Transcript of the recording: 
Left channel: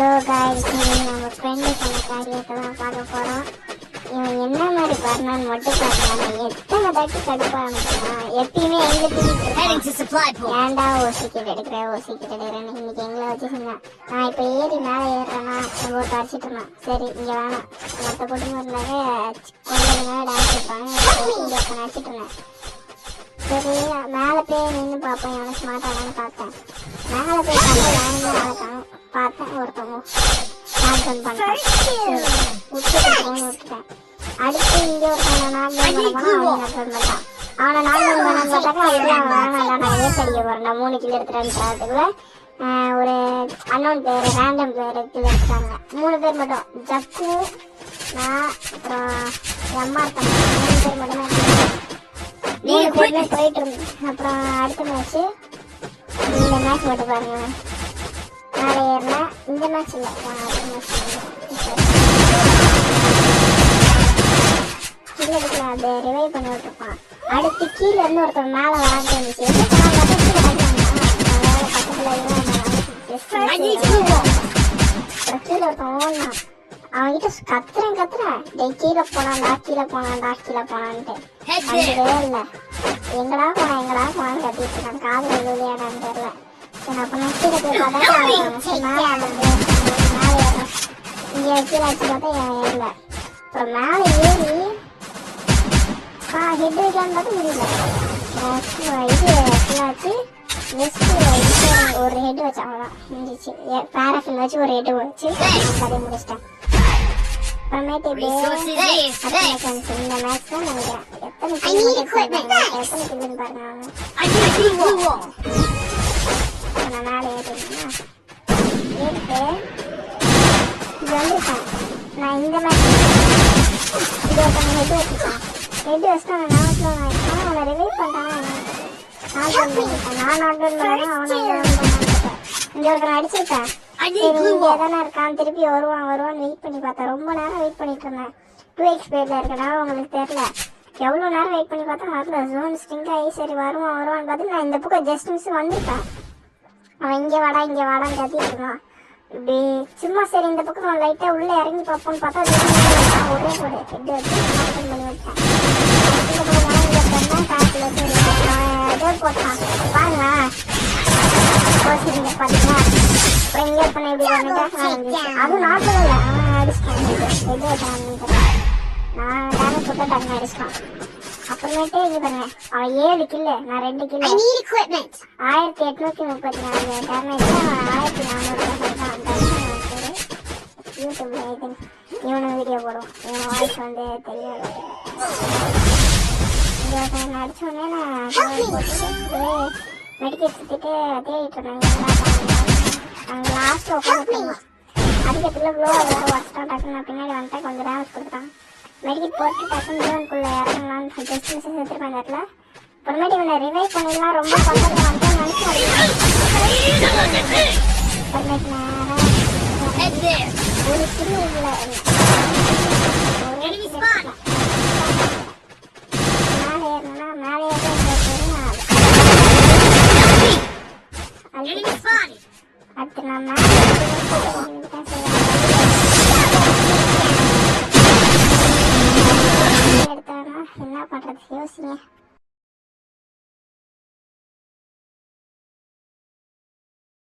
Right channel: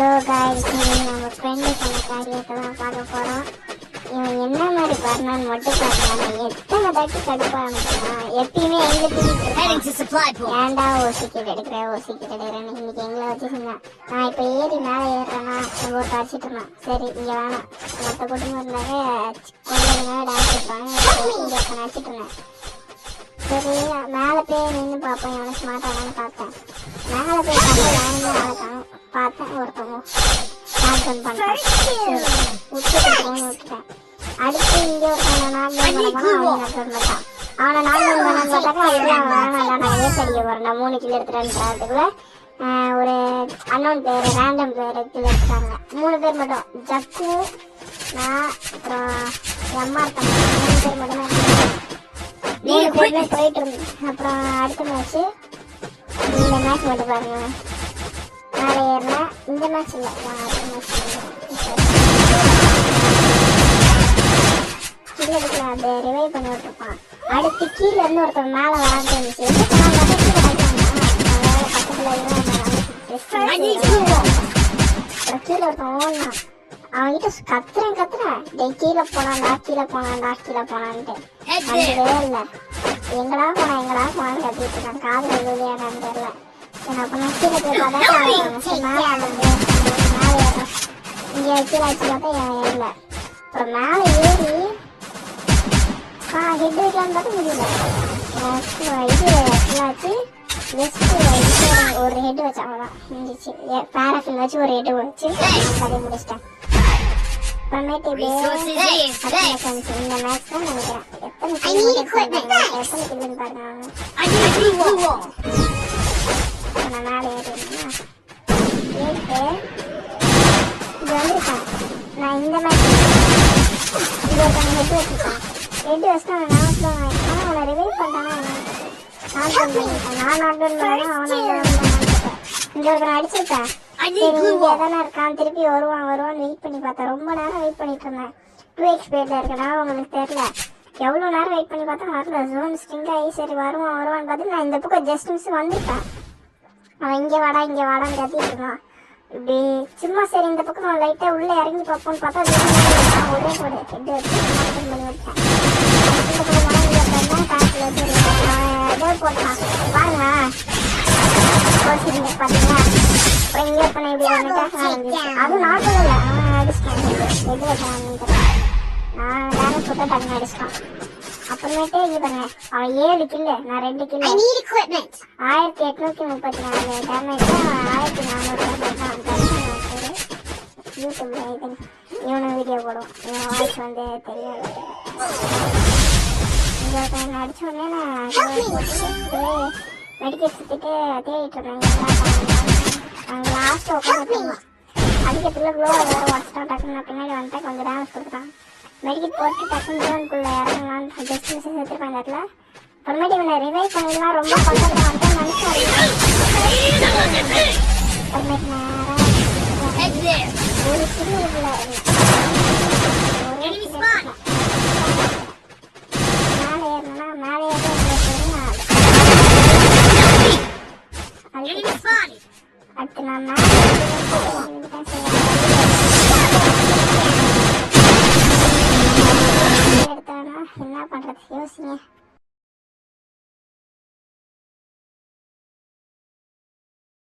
Hello guys, நம்ம friend சொன்ன காரியத்தை தான் பார்க்க போறோம். இவன் என்ன மாதிரி பண்ணான்னு மட்டும் பாருங்க. எத்தனை தாட்டி கடுப்பா இருந்துச்சுன்னா எப்பயுமே எங்க தூக்கிட்டு ஏன்டா ஓசிக்கிட்டு எடுக்கிறேன்னு இன்னைக்கு எங்களை வச்சுருந்தேன். நான் இப்போ ஏறி மேலே ஏறுறேன்னா நம்ம ஒரு அடிச்சிட்டு இருந்தேன். சரி இங்கே வேணாம், மற்ற குடும்பம் இருந்தாங்க கொஞ்சம் டான்ஸ் இருப்பாங்க அடிச்சிட்டு இருந்தேன். சரி மேலே போய் நின்று பார்ப்போம் எவனை ஸ்மார்ட்டானு பார்த்தேன். மேலே போய் பார்த்தேன் பார்த்தேன் ஒருத்தவங்க நாட்கள் பண்ணிட்டேன். விட்டுட்டேன். அடுத்து இங்கே ஒருத்தவங்க நாட்கள் பண்ணான். அவனை நாட்கள் பண்ண பார்த்தாக்கா அதெல்லாம் வேணாம், நான் ஏஸ் அடிக்க போறேன் 3 கிலோ எடுத்துறேன்றதுக்குள்ள ஒரு அன்னோன் பேர் ரேண்டம் பேர் கிலோ எடுத்துட்டாங்க. 3 பேர் மட்டும், ஜக்கு நான் அப்புறம் எம்மா இருக்காங்க. 3 பேர் மட்டும் தான் 3 பேருமே போயிட்டு இருந்தேன். அப்புறம் அடுத்த மேட்ச்சு இந்த மேட்ச் மட்டும் பாருங்க. மேலே ஏறினா இந்த மேட்ச் இல்லை, கீழே எடுக்கல, அது ரிவைவ் பண்ணி விட்டுருப்பான். அடுத்து கீழே இருந்து ஒருத்தர் மேலே வராங்க இருந்துச்சு. கீழே ஒருத்தன் ஓடலாம். அவன்கிட்ட கத்துறேன் கீழே போனான்ட்டு அங்கவே இல்லை. எங்கடா போனான்னு கத்திட்டு இருக்கான். காதல வெளியாடான்னு தெரியல. என்ன பண்ண கீழே போய் பார்த்தா இங்கே கீழே வச்சு பார்த்தா ஏறல. அப்புறம் மேலே ஏறி ஹெட் வைக்கலான்னு பார்த்தா முடியல. இது என்னாச்சு, ஒரு ஹெட் வச்சு அவ்வளோதான் இருந்துச்சு. பேராஃபில் வச்சு ஒரு ஹெட் வச்சு கதையை முடிச்சிட்டேன். அப்புறமேட்டு இந்த மேட்ச் தான் நினைக்கிறேன். எத்தனை கிலோன்னு பாருங்க. நான் மேலே ஏறினா நான் இந்த மேட்ச் ஹெட் வச்சுட்டேன். ஹெட் வச்சுட்டு அவன் அவனை ரிவைவ் பண்ணான். நான் அடிச்சிருக்கேன். சரி இங்க எதனா இருக்கான், திருப்பி வருவான்னு வெயிட் பண்ணி பார்த்தேன். ரொம்ப நேரம் வெயிட் பண்ணிட்டு இருந்தேன். 2x பேர்ல இருக்கனா உங்களுக்கு தெரியல. எவ்வளோ நேரம் வெயிட் பண்ணி பார்த்தா வரல. ஜோன் ஸ்டிங்க் ஆகி சரி வருவான்னு பார்த்து நான் இந்த பக்கம் ஜஸ்ட் மிஸ் வந்துட்டேன். அவன் இங்கே வாடான்னு கத்திட்டு இருக்கான். இப்படி சும்மா சரி இந்த பக்கம் லைட்டாக உள்ளே இறங்கி பார்ப்போம்னு பார்த்தா பண்ணி விட்டேன். போட்டான் பாருங்க. அது நார்மல் அவனை அடிச்சிட்டான். நான் போட்டா டக்கு அடிச்சிட்டான். அப்புறமேட்டே இது பண்ண அவன் 7 கில்லு, நான் 2 கில்லு. 1834 டேமேஜ். 1400 இவனு வீடியோ போடும். இவன் வாய்ஸ் வந்து தெரியாது. அடிச்சோடனே மெடிக்கல் சுற்றிட்டு தேடிட்டு இருந்தாங்க. அவங்க லாஸ்ட்டு உட்காந்துருவான். அதுக்கப்புறம் வச்சுட்டான். டக்குன்னு பின்னாடி வந்துட்டேன். கொஞ்சம் டேமேஜ் கொடுத்துட்டான். மெடிக்கல் போட்டு டக்குன்னு இறங்கலான்னு ஜஸ்ட் மிஸ் செத்துருப்பாங்க. இடத்துல அப்புறமேட்டு இவனை ரிவைவ் பண்ணலாம் ரொம்ப அடுத்து நான் என்ன பண்றது யோசிங்க.